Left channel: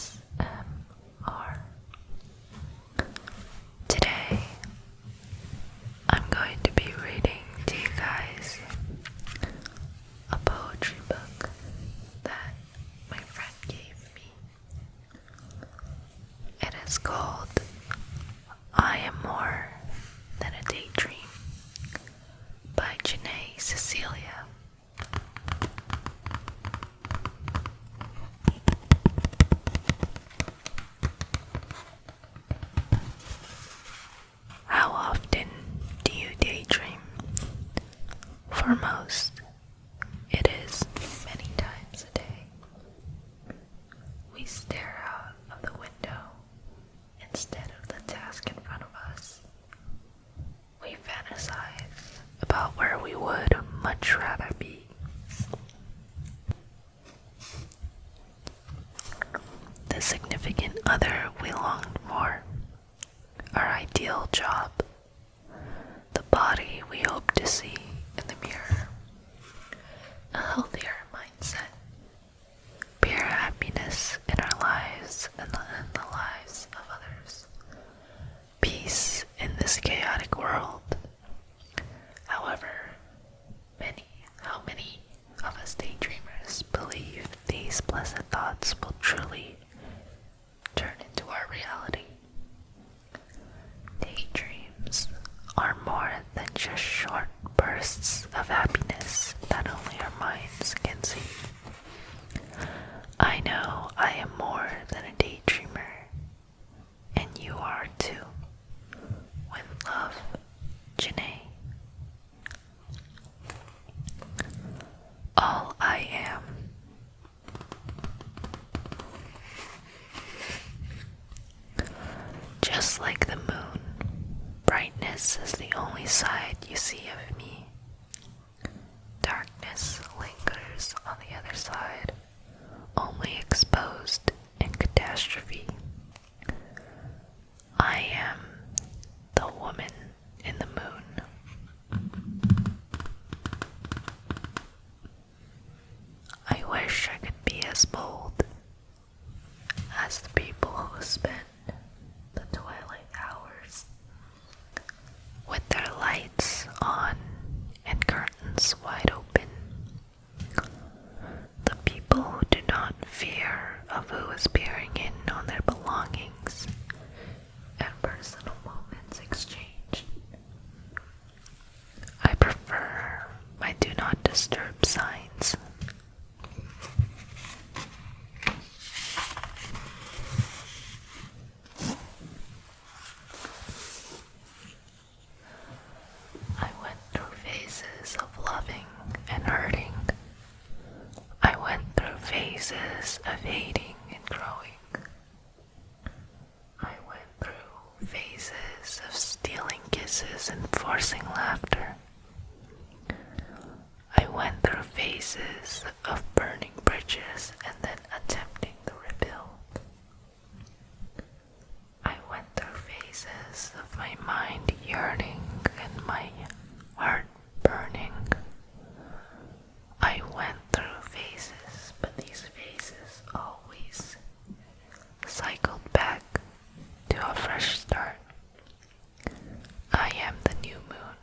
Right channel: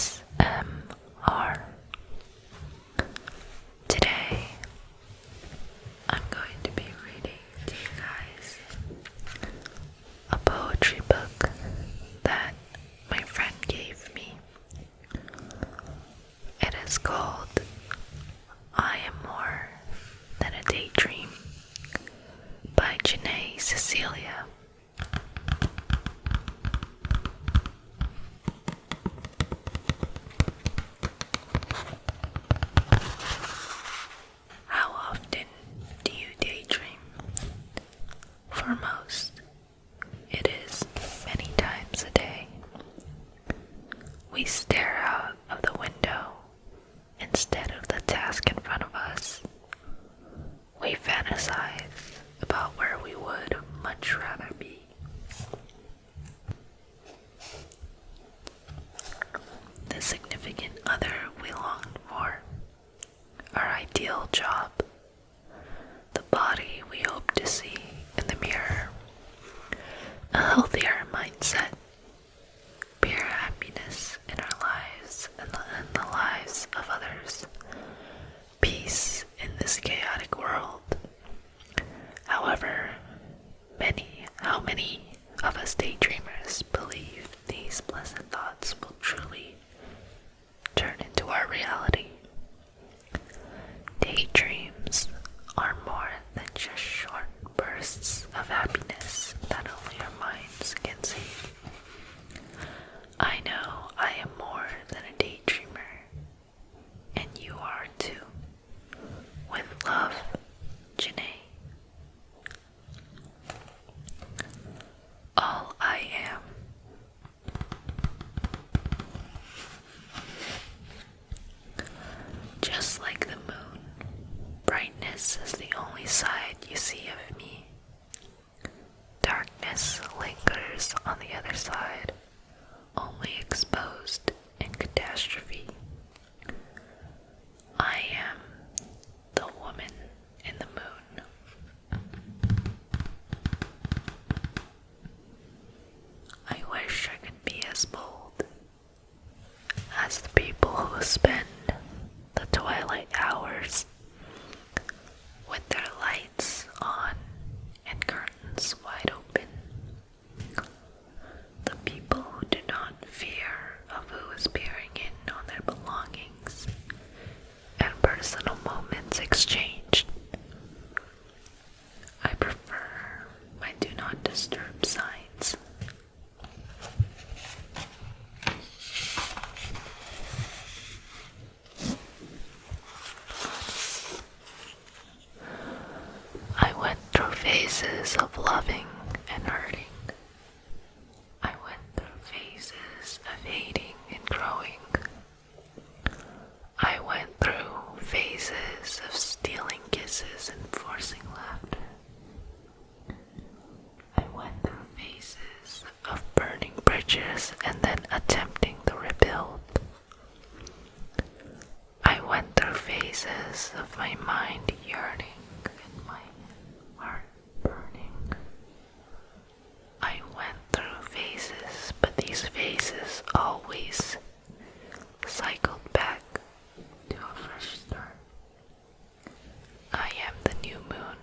ASMR. Today, I'm going to be reading to you guys a poetry book that my friend gave me. It is called I Am More Than a Daydream by Janae Cecilia. How often do you daydream? For most, it is many times a day. We stare out of the window instead of the task in front of us. We fantasize about where we would much rather be. The significant other we longed for, our ideal job, the body we hope to see in the mirror, a healthier mindset, pure happiness in our lives and the lives of others, peace in this chaotic world. However, how many of us daydreamers believe these pleasant thoughts will truly turn into our reality? Daydreams are more than just short bursts of happiness that only our minds can see. I know I am more than a daydreamer, and you are too. With love, Janae. All I am. Just like the moon, brightness is the only side you see of me. Darkness lingers on the other side, only exposed in catastrophe. I am the woman in the moon. I wish I could be as bold as the people who spend the twilight hours with their lights on and curtains wide open. The people who do not fear of who is peering in on their belongings and personal moments exchanged. I prefer my do not disturb signs. I went through phases of loving and hurting. I went through phases of hating and growing. I went through phases of stealing kisses and forcing laughter. I went through phases of burning bridges and then attempting to rebuild. I went through phases of my mind yearning and my heart burning. I went through phases, but these phases always cycled back to a fresh start. I am the new moon,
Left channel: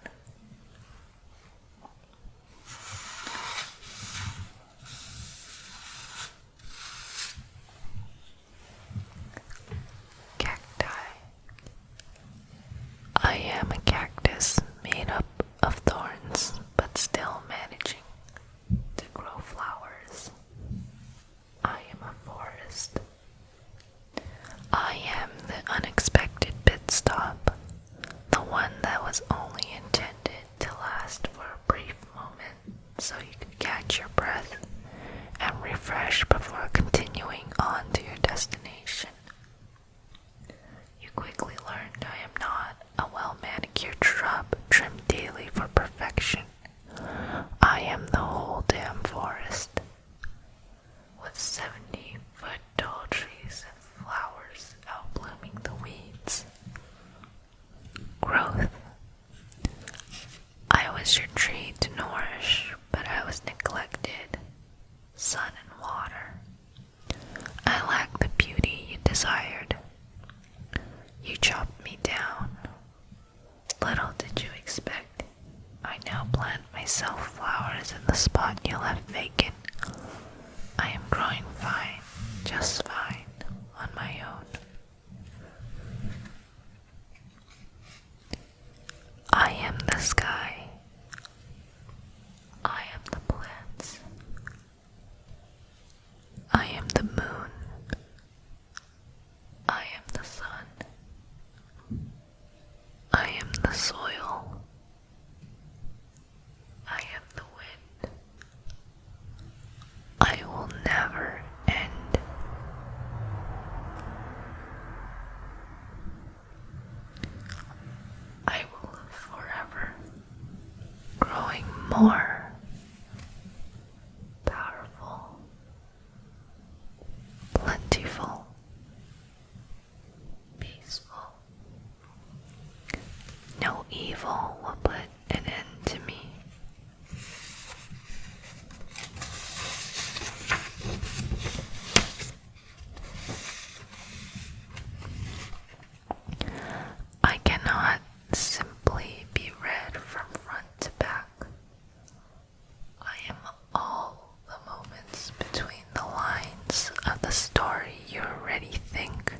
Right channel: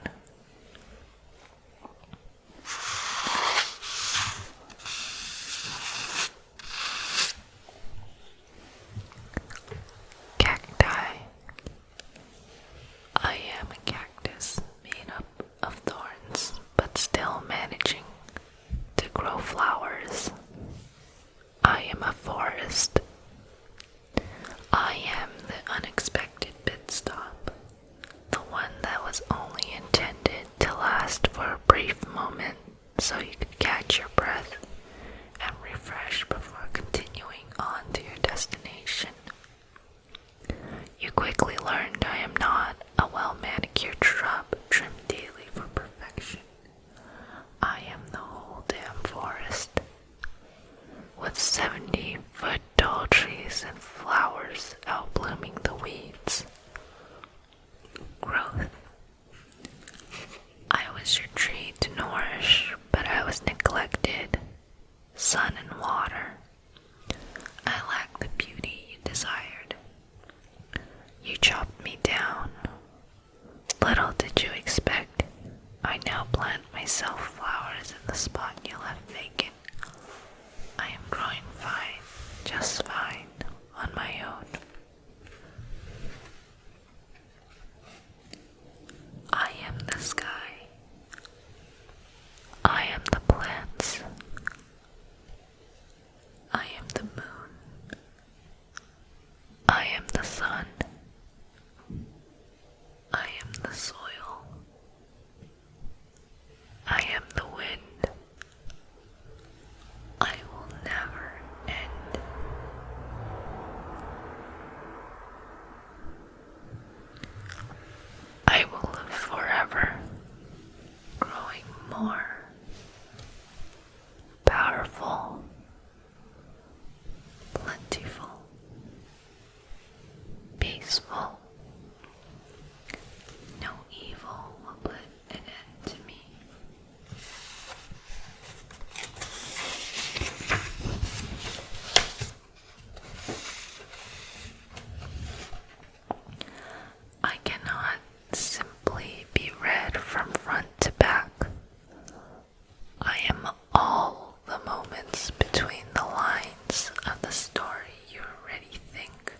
already think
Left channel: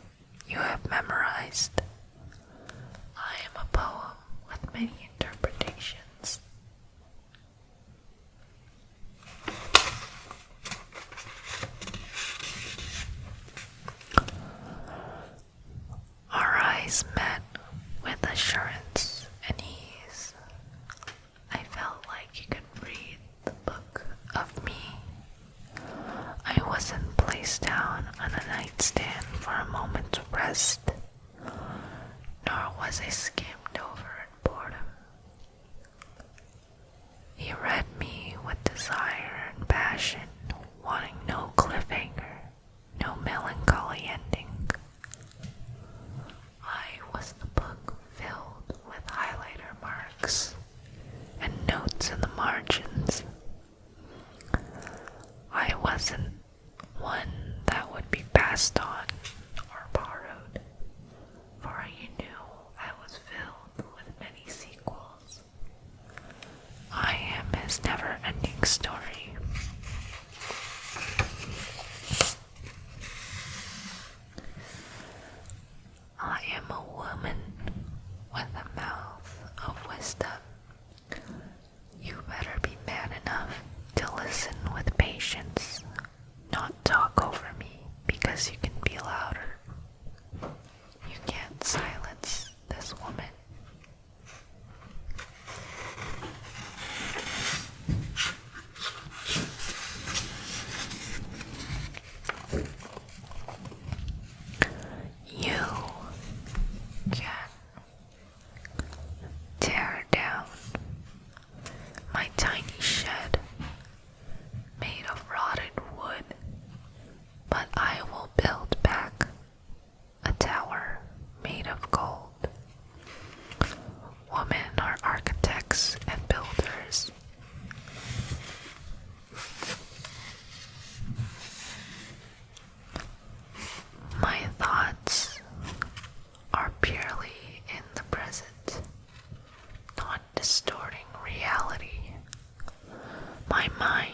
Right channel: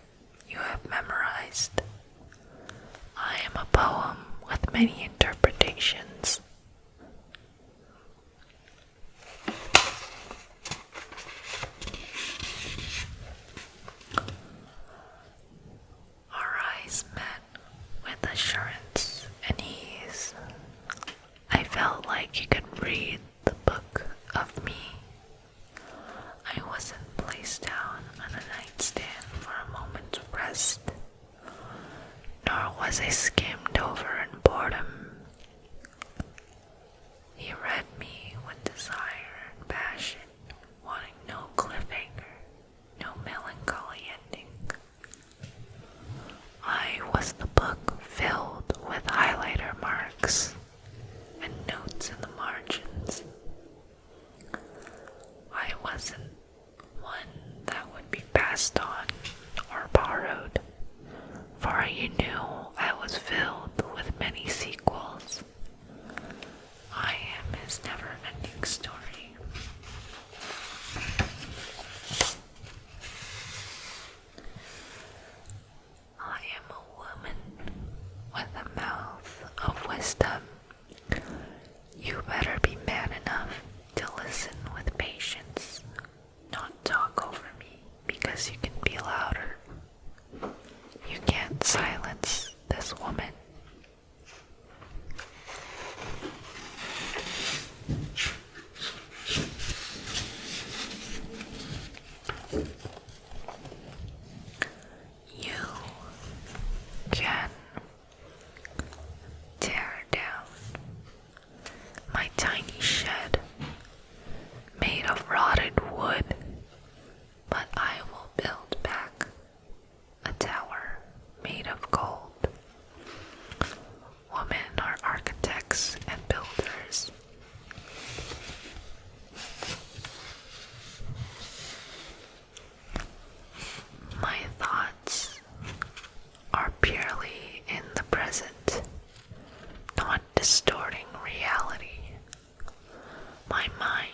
you have memorized. I am a poem with many interpretations. Our eyes met with assurance and ease. I felt like you could read the book of me. I wasn't placed down on a nightstand for a moment's rest, nor was I skimmed over in boredom. He read me with desire and passion, wanting no cliffhanger, no melancholy ending. I was the book filled with highlighter marks and notes in the margins. I wasn't one that would be passed on or borrowed, for you knew I was filled with many sequels. I am his never-ending story. I am a woman with a mouth of wisdom. You better be man enough to listen with patience, not talk over me because you can be louder. You can't silence this woman. You can tear down my tiny shed made of rotted wood, but I will build back a tower made of gold. Women are architects and builders. My thoughts are purely in the present, not distorting reality. My mind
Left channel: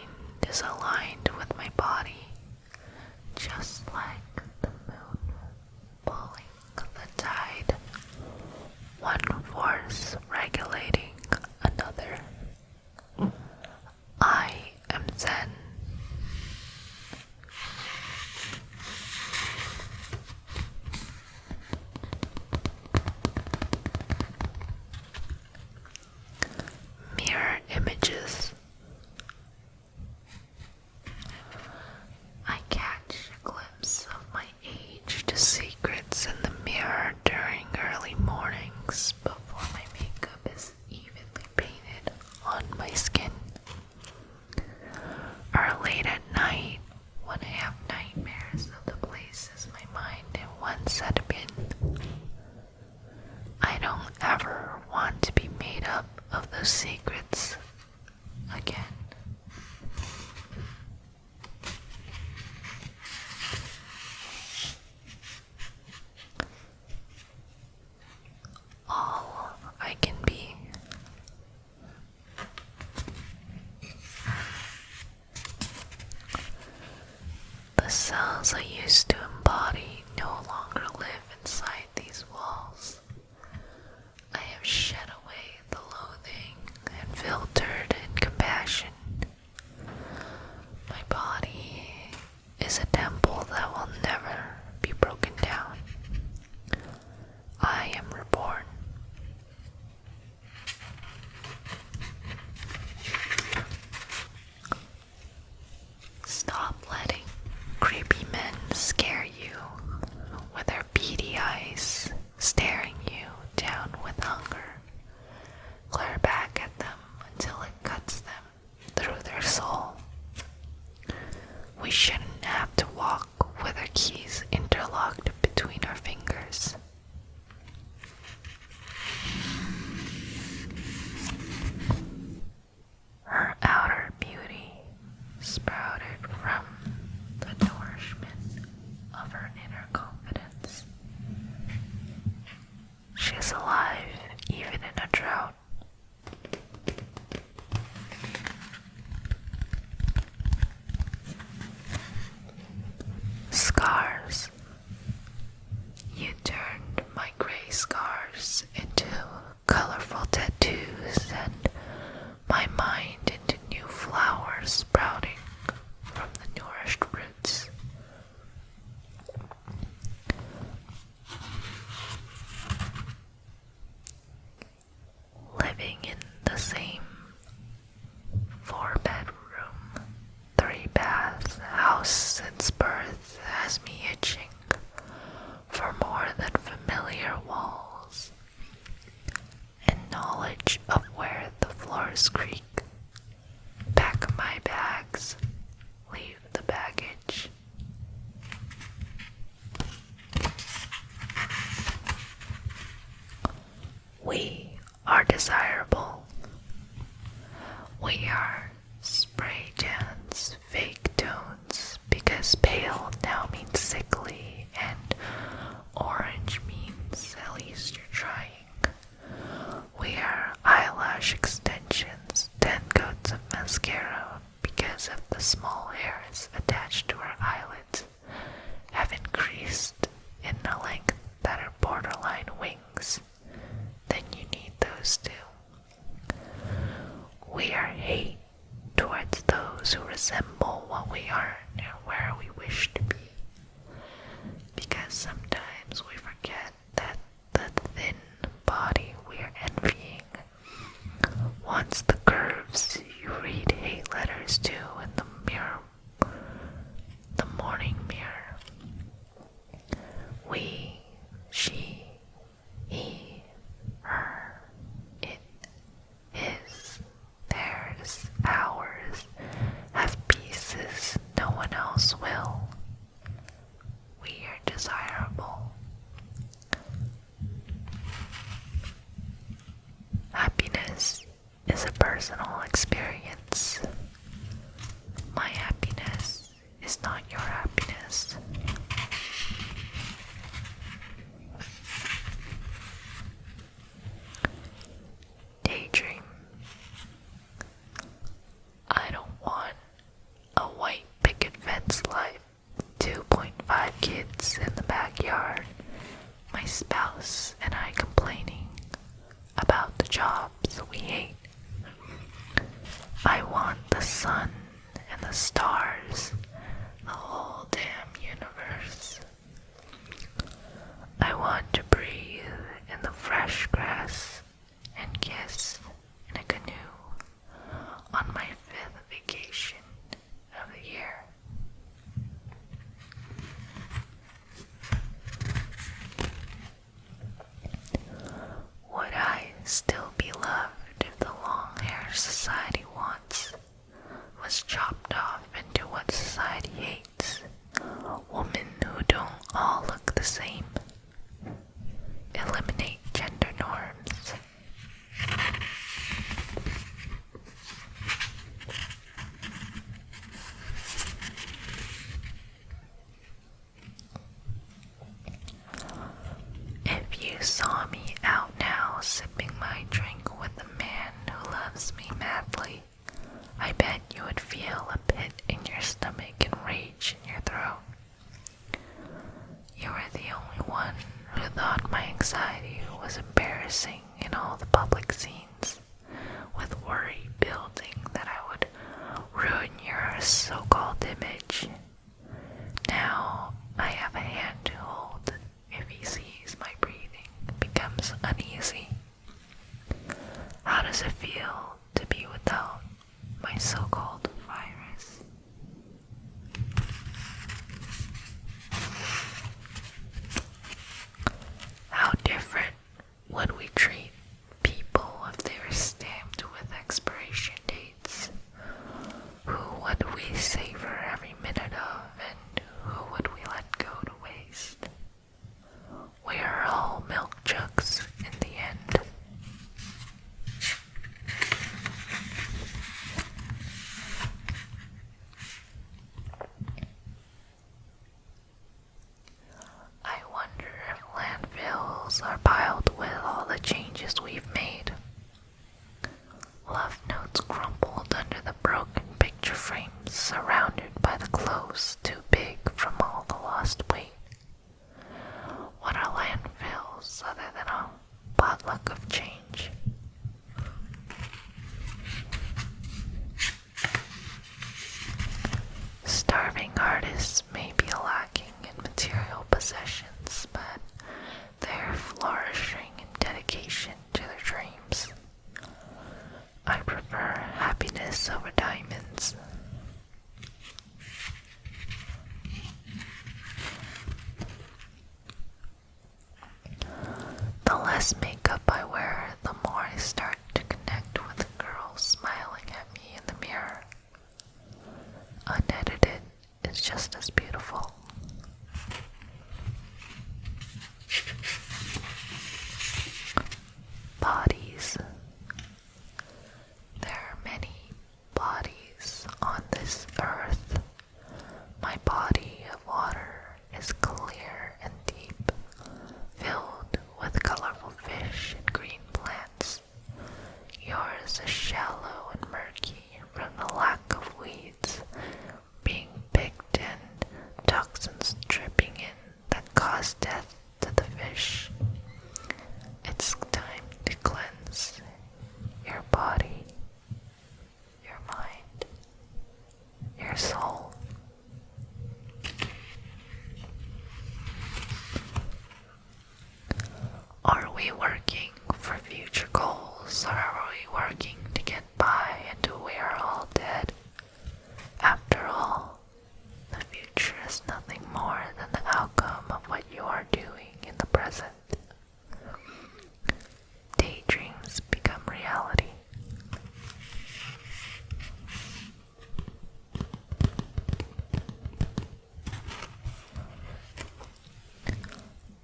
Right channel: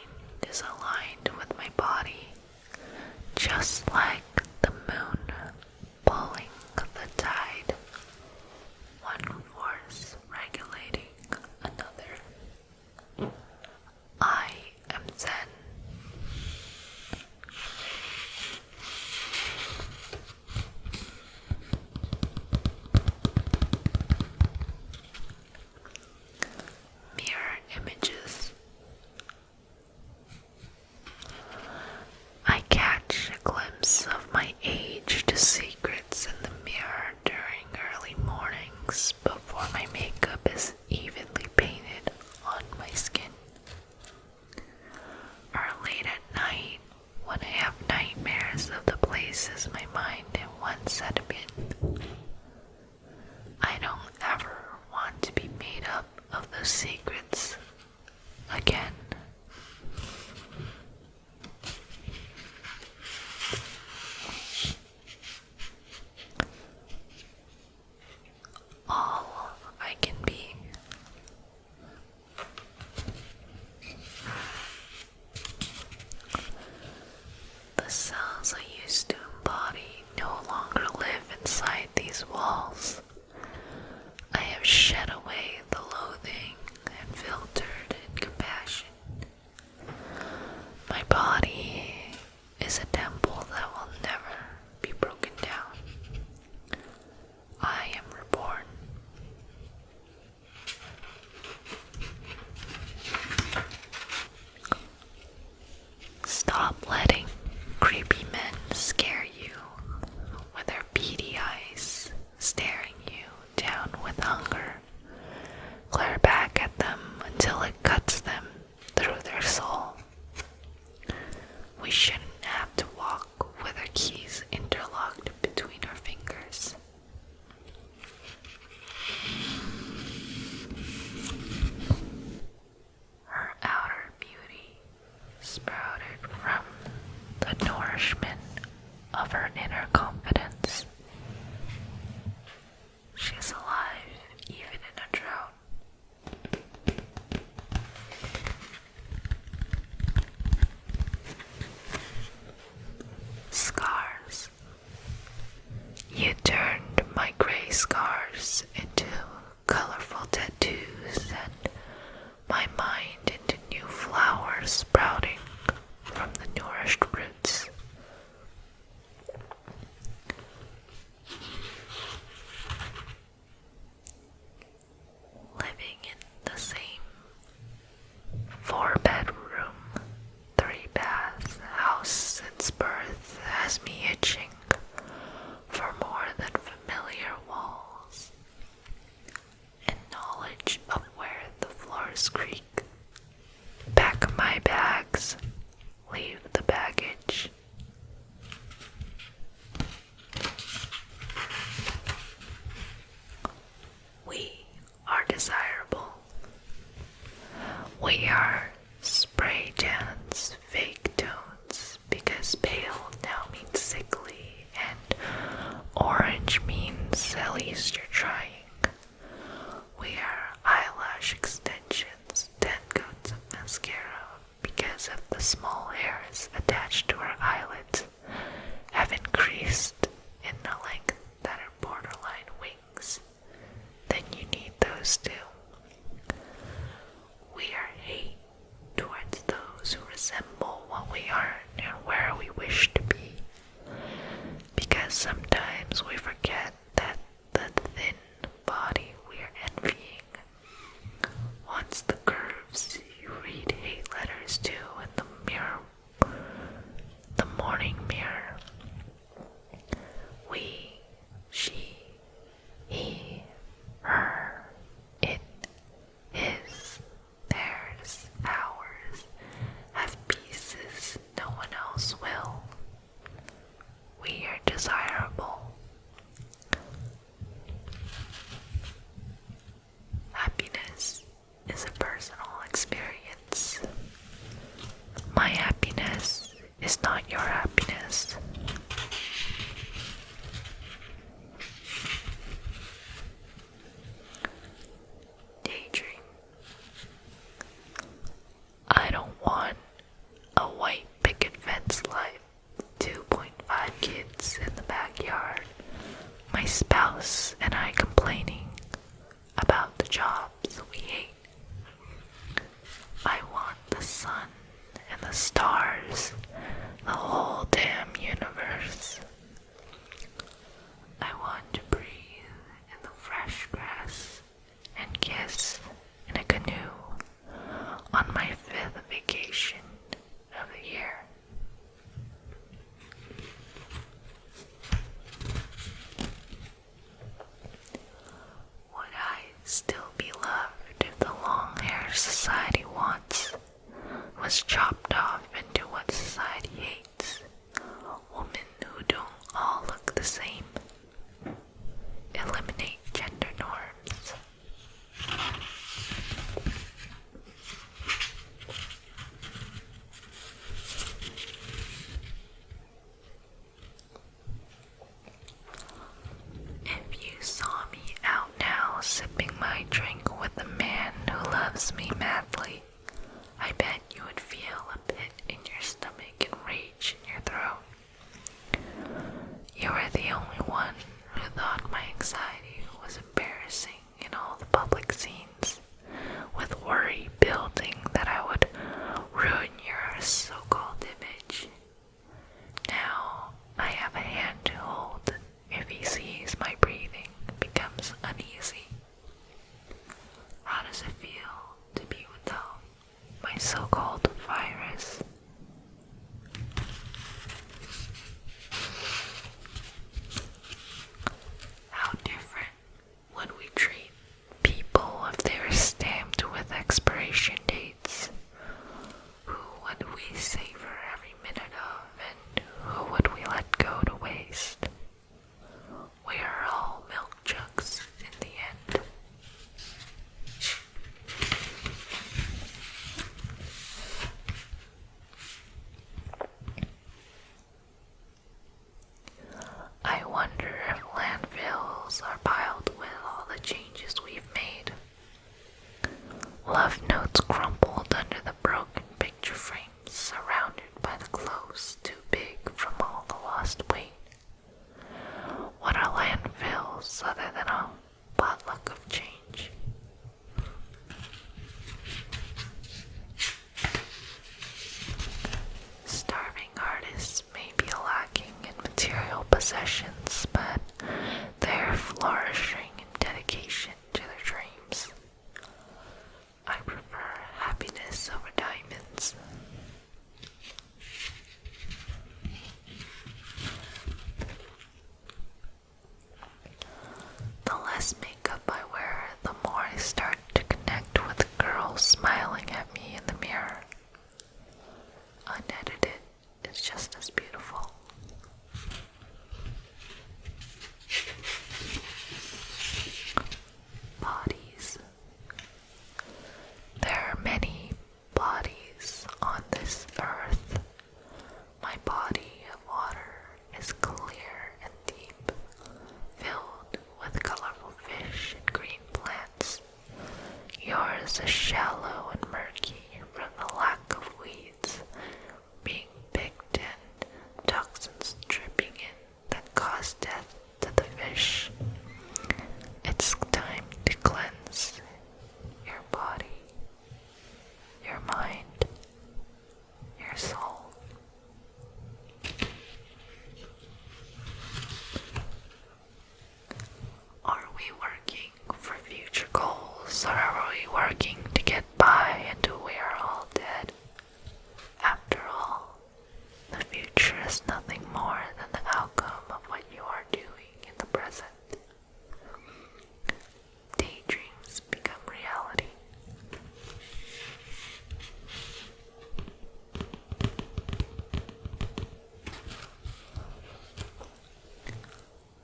is aligned with my body, just like the moon pulling the tide, one force regulating another. I am Zen. Mirror images. I catch a glimpse of my aged secrets in the mirror during early mornings before my makeup is evenly painted on my skin. Or late at night when I have nightmares of the places my mind once had been. I don't ever want to be made up of those secrets again. All I can be. The cells I used to embody no longer live inside these walls. I have shed away the loathing and filtered in compassion. My body is a temple that will never be broken down. I am reborn. Stop letting creepy men scare you with their beady eyes staring you down with hunger. Glare back at them until it cuts them through their soul. We shouldn't have to walk with our keys interlocked between our fingers. Her outer beauty sprouted from the nourishment of her inner confidence. She is alive even in a drought. Scars desirable. We are spray tans, fake tones, because pale now means sickly, and orange means at least you're trying. We are eyelash extensions, 10 coats of mascara, because of the small hairs attached to our eyelids have increased in a length that are borderline wings. Then you need those too. We are hate towards those who resemble what we aren't and where we wish to be, because sometimes we forget that the thin body we are envying wants the curves you read hate letters to in the mirror, the morning mirror. We, she, he, her, it, his, theirs, ours, have pieces no one else will. We are desirable. Happiness is a personal experience. My happiness is not your happiness. Daydream. I don't want a white picket fence life, 2.5 kids in the backyard, my spouse and I complaining about the jobs we hate. I want the sun and the stars, the whole damn universe. I want to breathe in the fresh grass and kiss in a canoe on my 5th vacation of the year. Would I still be loved if the long hair society wants was chopped off into what society hates? Women who don't all look the same. Eliminate gender norms. If you saw me out now sipping my drink with a man who loves me madly, I bet you would feel a pit in your stomach and rage in your throat. You were the only one who thought my anxiety was embarrassing in all the public scenes, with worry building that I would ruin your so-called image. Now I have a hand to hold if he sees my breathing becomes uneasy. How does it feel to be without my so-called virus? How different would we treat people if they were stamped with expiration dates? Who would we savor every minute of, and who would we let go to waste? We are all milk jugs in the end. I wonder if landfills are piled with all the changes we've made. Love notes crumpled under the broken picture frames, surrounded by the clothes too big from all the lost weight. What are landfills other than a potluck of change? Starving artists may be lacking in material possessions, but they're flourishing in dedication to their dreams. I prefer happiness over diamonds. The less makeup I wear, the more I start to connect with the girl smiling at me in the mirror. Unedited is just as beautiful. Bodies working for future goals, or are we working to get by until we are all dead? After all, the future is nothing more than the outcome of what you are doing in the present. Daydreams become reality.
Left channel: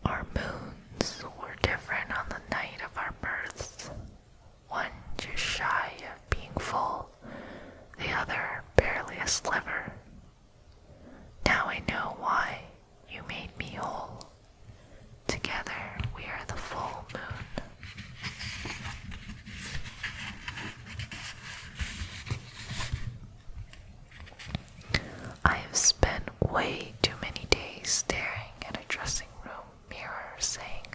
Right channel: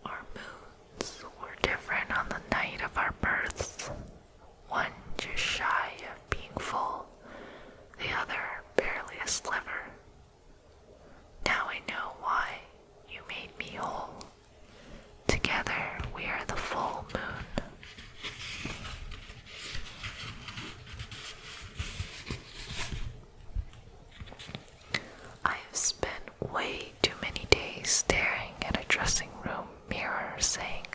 Our moons were different on the night of our births, one just shy of being full, the other barely a sliver. Now I know why you made me whole. Together we are the full moon. I have spent way too many days staring at a dressing room mirror saying,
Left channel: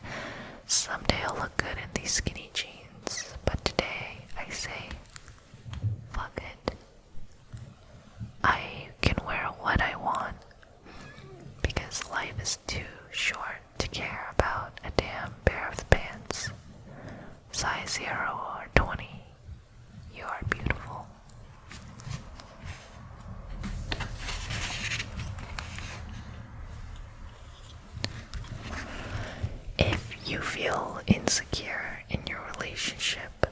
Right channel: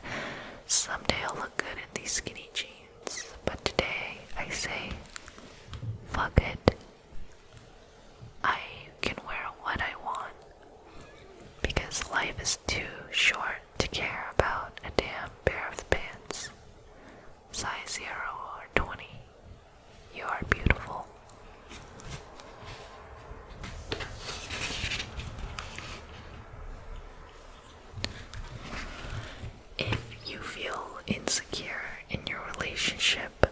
someday I'll look good in these skinny jeans, but today I say, fuck it. I can wear what I want, because life is too short to care about a damn pair of pants. Size 0 or 20, you are beautiful. If you feel insecure in your relationship,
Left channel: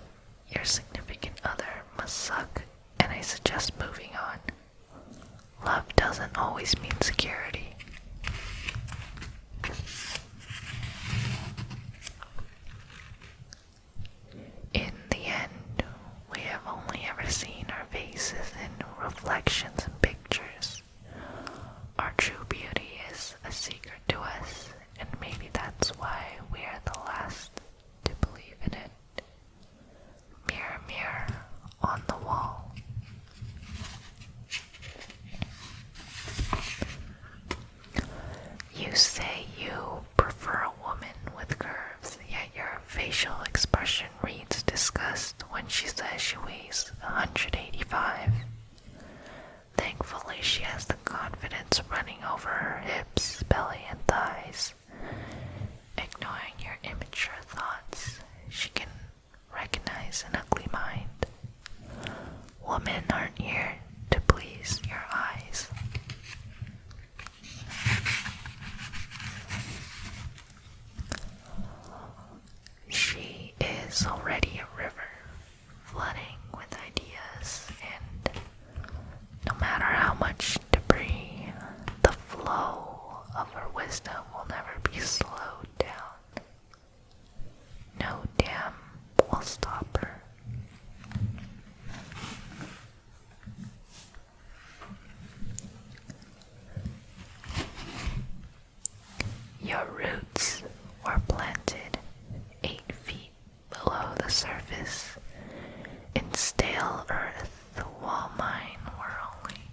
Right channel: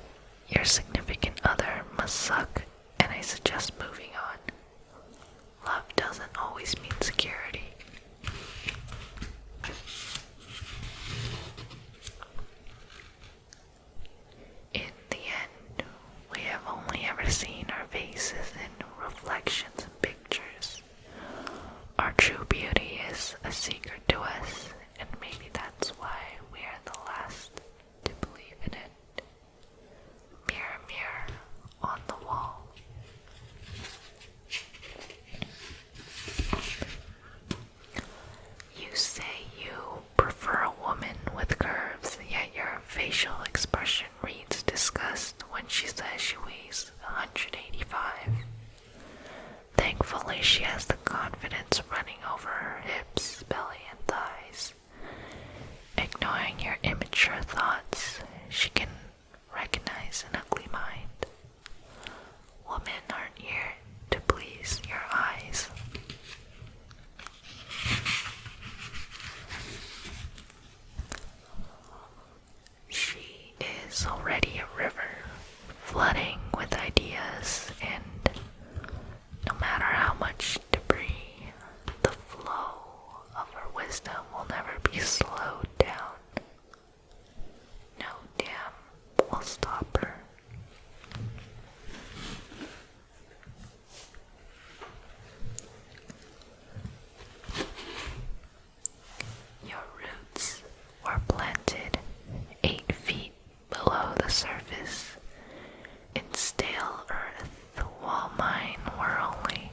your significant other must suck, and I suggest moving on. Love doesn't always mean security. In the end, we have only ever seen our faces in reflections and pictures. Our true beauty is a secret to us, and maybe that's why we are the last to believe in it. Mirror, mirror on the wall. You say you prefer a woman with curves, yet your facial expression reads disgust when she says she weighs 185. Thankfully, she has the confidence running over her hips, belly, and thighs. Ignoring your immature thoughts, she can recognize an ugly mind. Women aren't here to please your eyes. She is already a river, flooding with ideas, and no matter how much debris, the flow of her wisdom will never be slowed down. No dam will stop her. Your roots were planted 8 feet below the surface in stale earth, while mine were only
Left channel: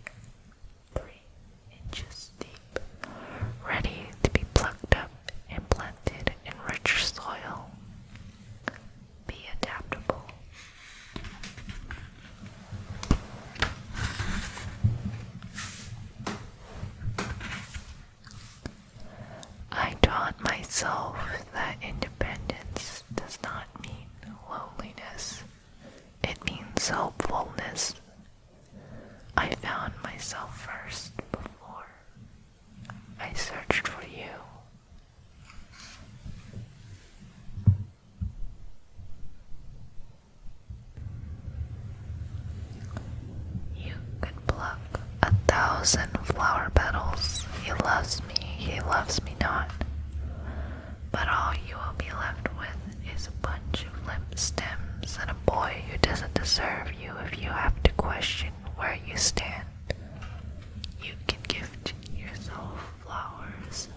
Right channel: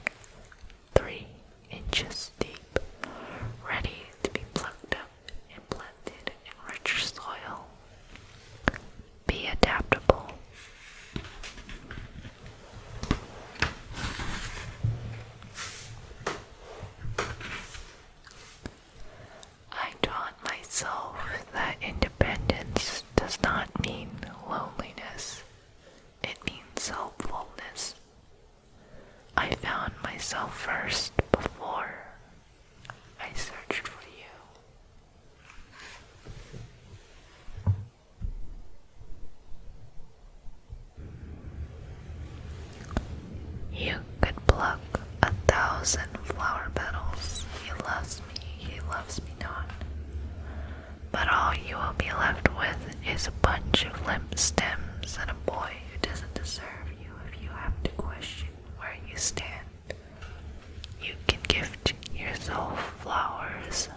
3 inches deep, ready to be plucked up and planted in richer soil. Be adaptable. I taught myself that independence does not mean loneliness. It means helpfulness. I found myself first before I searched for you. You could pluck 1,000 flower petals. He loves me not. But all you will be left with is a bunch of limp stems and a boy who doesn't deserve you if you have to question where you stand. You can gift yourself flowers.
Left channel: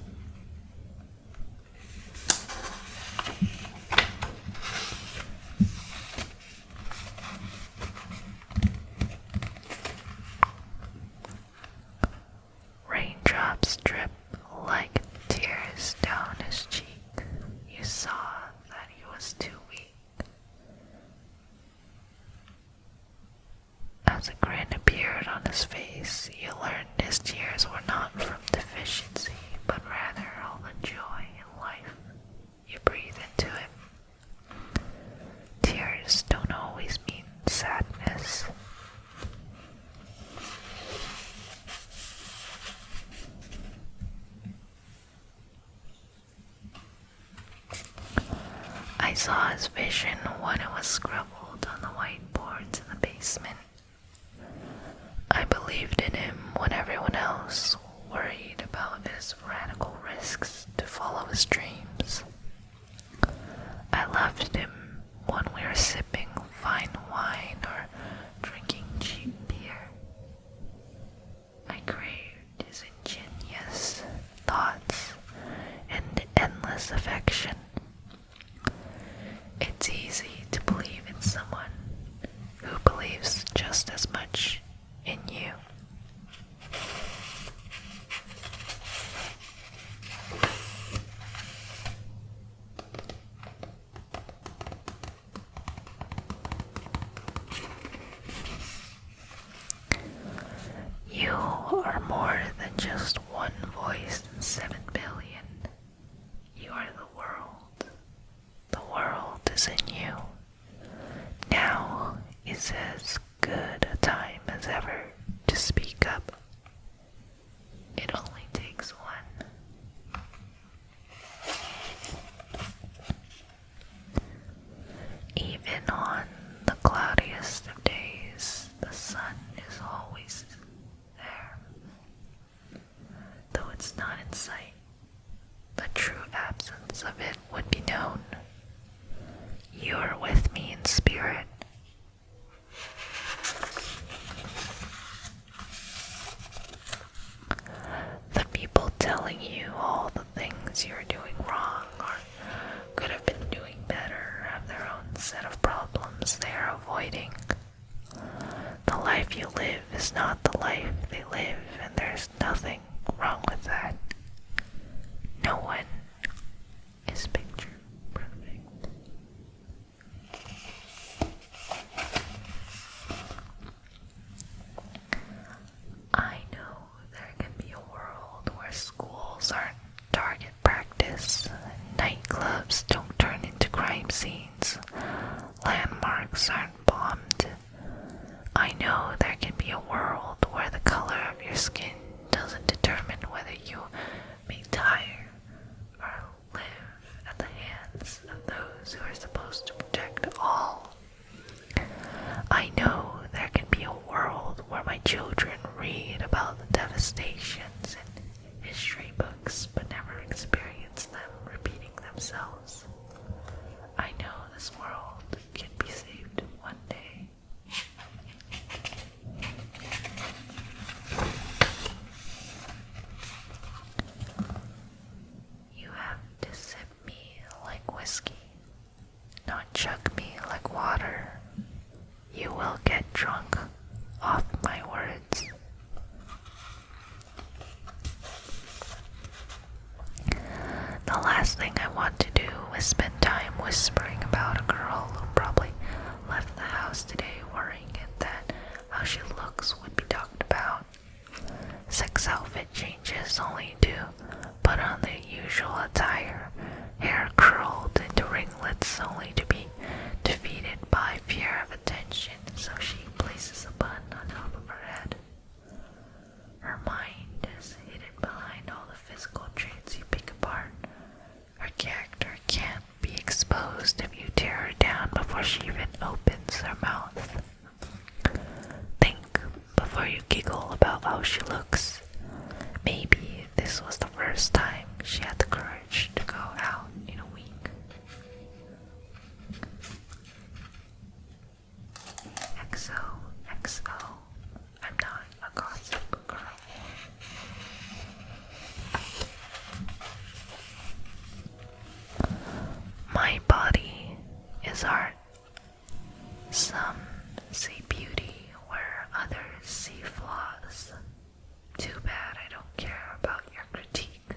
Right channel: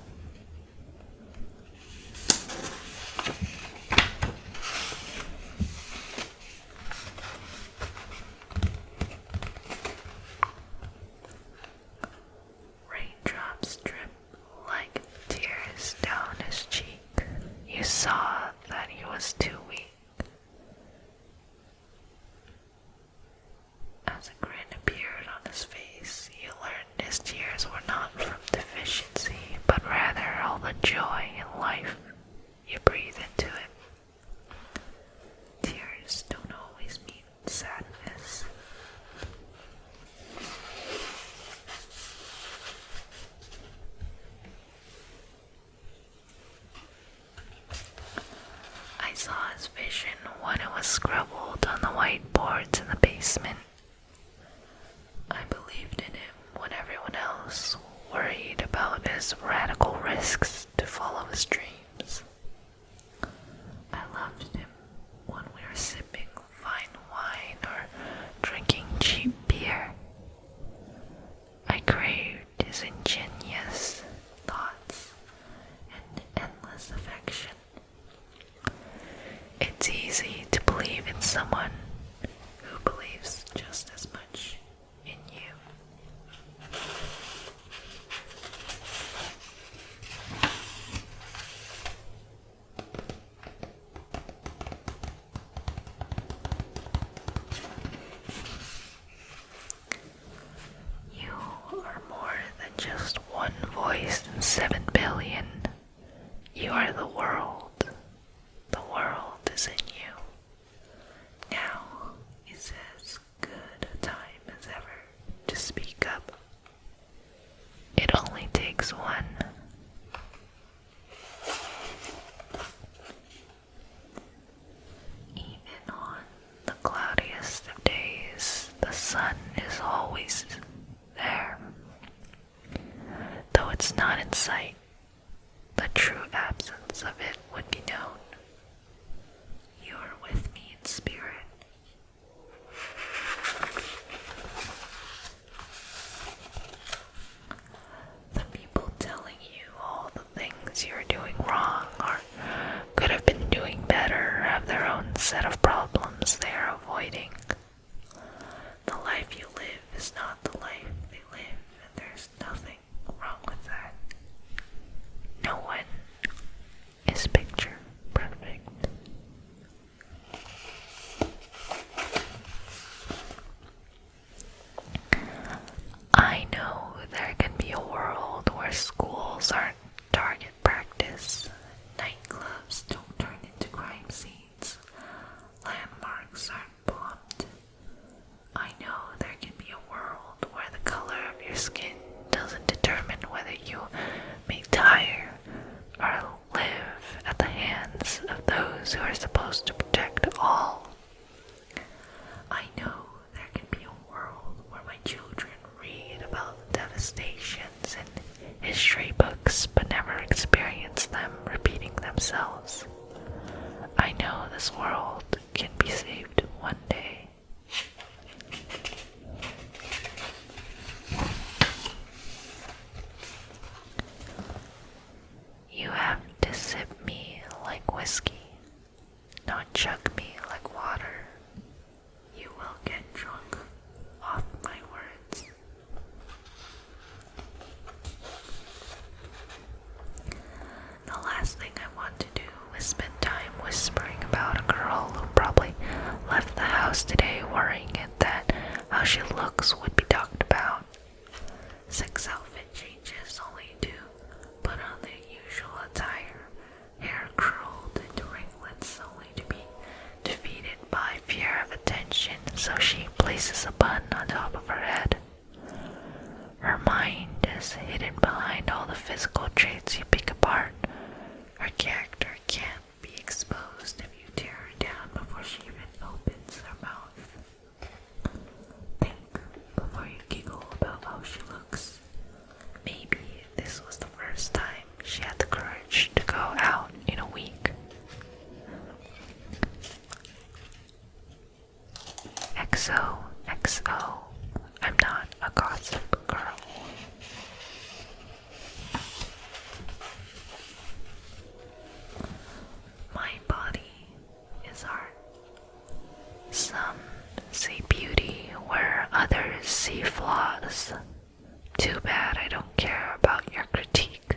Raindrops drip like tears down his cheek. You saw that he was too weak. As a grin appeared on his face, you learned his tears were not from deficiency, but rather I saw his vision when it was scribbled on the whiteboards in the basement. I believed in him when everyone else worried about his radical risks to follow his dreams. I loved him when we were sipping fine wine or drinking cheap beer. I craved his ingenious thoughts and endless affection. It's easy to believe in someone who believes just as much in you. You are more than just one voice in 7 billion. You are the world. The world is in you. Now is as good a time as ever to speak up. It only takes one. Even on the cloudiest of days, the sun is always there. Though it's not in sight, the true absence of it would be known. You are with me in spirit. The people telling you all the things you're doing wrong or could have been doing better have their own set of problems they are avoiding. The life you live is not the life they live, and there's nothing wrong with that. No one is picture perfect. I know there can be a world where schools aren't target practice, nightclubs don't turn into crime scenes, landmarks aren't bombed. I know there can be a world where the color of your skin doesn't determine whether you may die or live at the hands of those who are supposed to protect all. I know there can be a world where my children read about the devastations in history books but never experience them repeating themselves. I know this world can be saved one day. You have to sip me like whiskey, not chug me like water. You will get drunk off my words. The last thing I want to do is spend time whispering about a girl who probably left the house today worrying that how she looks would be talked about. 6 outfit changes only to put on the usual attire, hair curled into ringlets only to be defeated by fear of attention, so she places a bun on top of her head. Her mind is hidden behind all the physical traits you pick apart. Her character can't be exposed if you tear her down before she even opens her mouth. Think before you giggle about how she looks. Maybe this was the first time she had the courage to go out in a week. XOXO, I'm not a gossip girl. My body is art. Some see beauty where others see flaws. Too bad I don't care about your critique.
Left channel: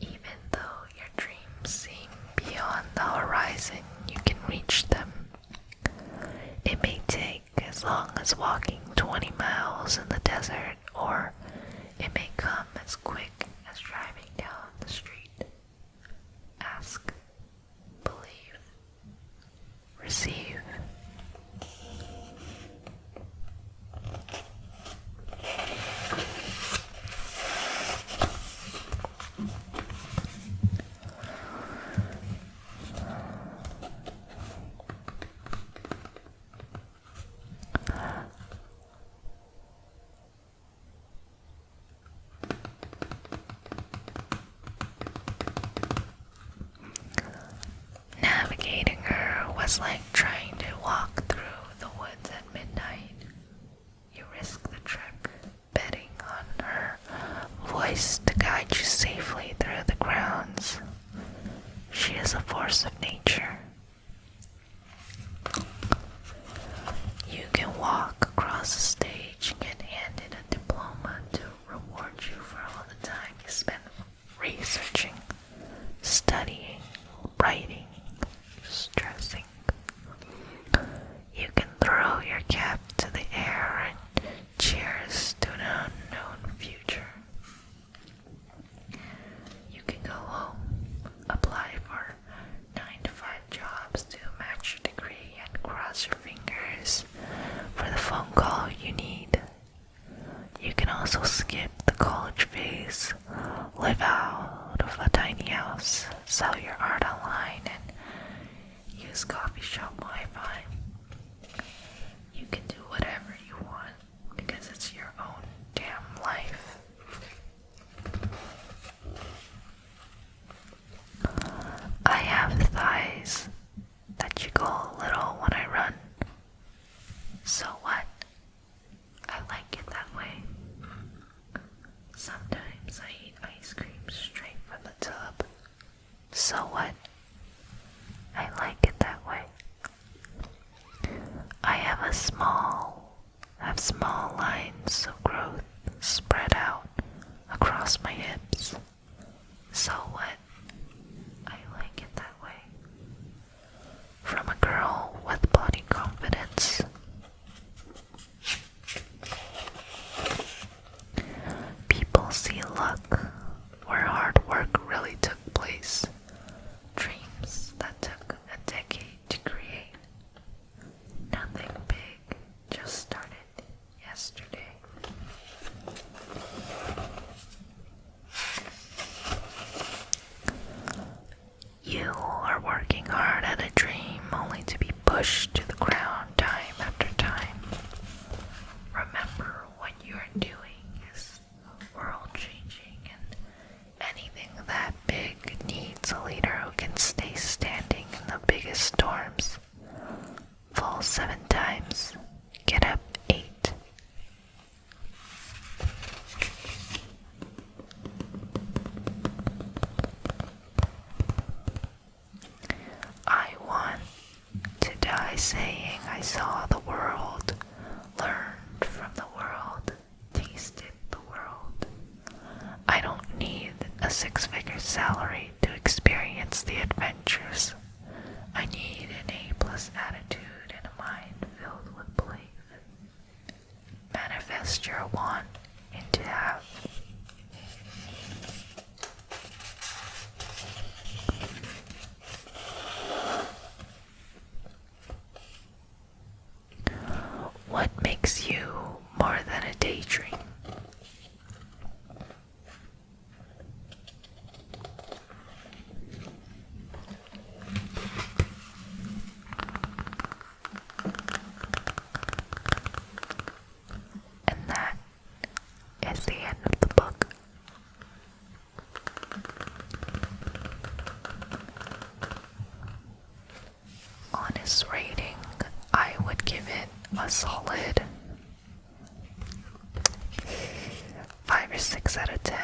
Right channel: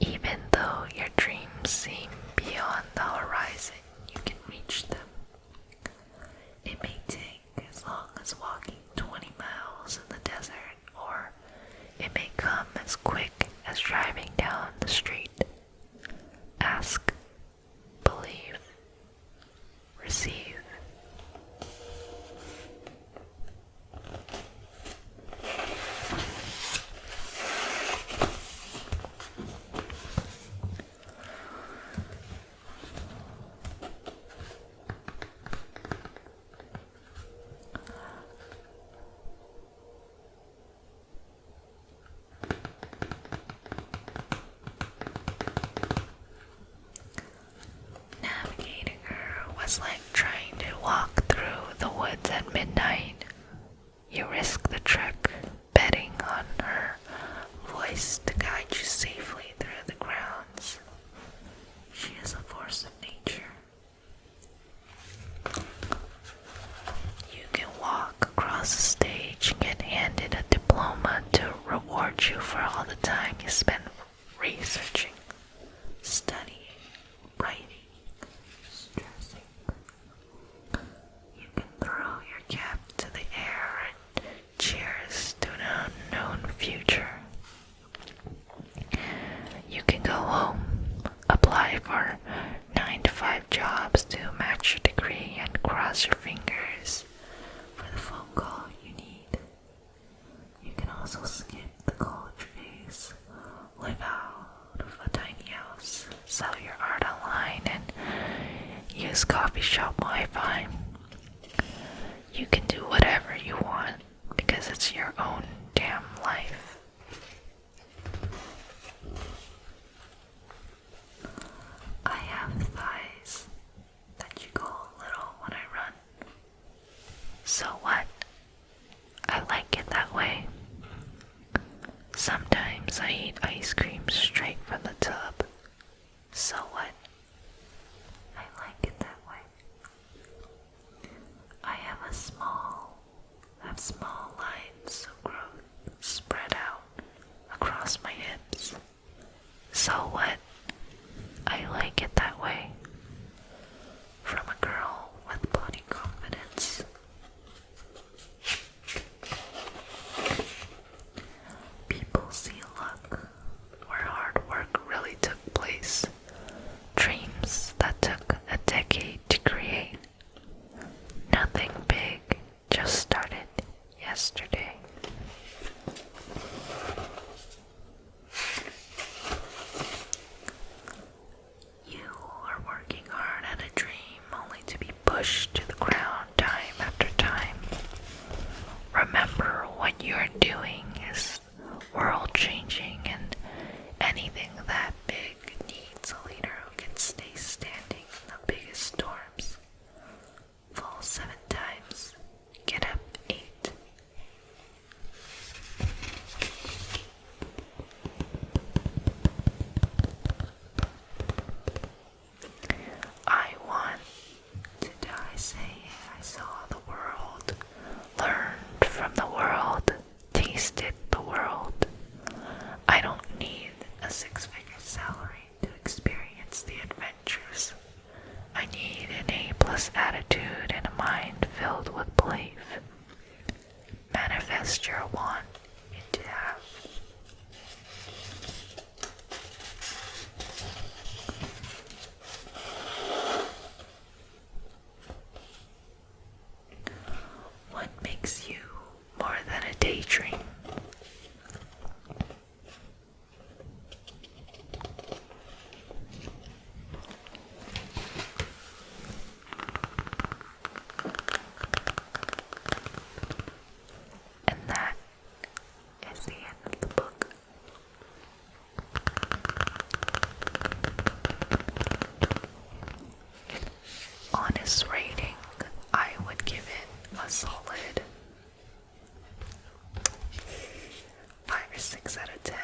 Even though your dreams seem beyond the horizon, you can reach them. It may take as long as walking 20 miles in the desert, or it may come as quick as driving down the street. Ask, believe, receive. college phase, live out of a tiny house, sell your art online, and use coffee shop Wi-Fi. You can do whatever you want because it's your own damn life. I have thighs that jiggle a little when I run. So what? I like it that way. Sometimes I eat ice cream straight from the tub. So what? I like it that way. I have small lines of growth spread out across my hips. So what? I like it that way. From a girl with body confidence. People see luck where hard work really took place. Dreams that took a decade to create. Nothing big just started yesterday. You are working hard at a dream only to be pushed to the ground time after time. Remember, what you're doing is world changing, and anything that big needs a leader who can stay standing in the biggest storms. Fall 7 times, get up 8. I want to die saying I saw the world, learned from the world, tasted the world. I don't need a 6-figure salary to experience the adventures. I need an A+ attitude and a mind filled with belief. Manifest your want into have. What makes you more than a daydream? And that is the end of the book. Honest rating, I would give it a solid 5 or 6 out of 10.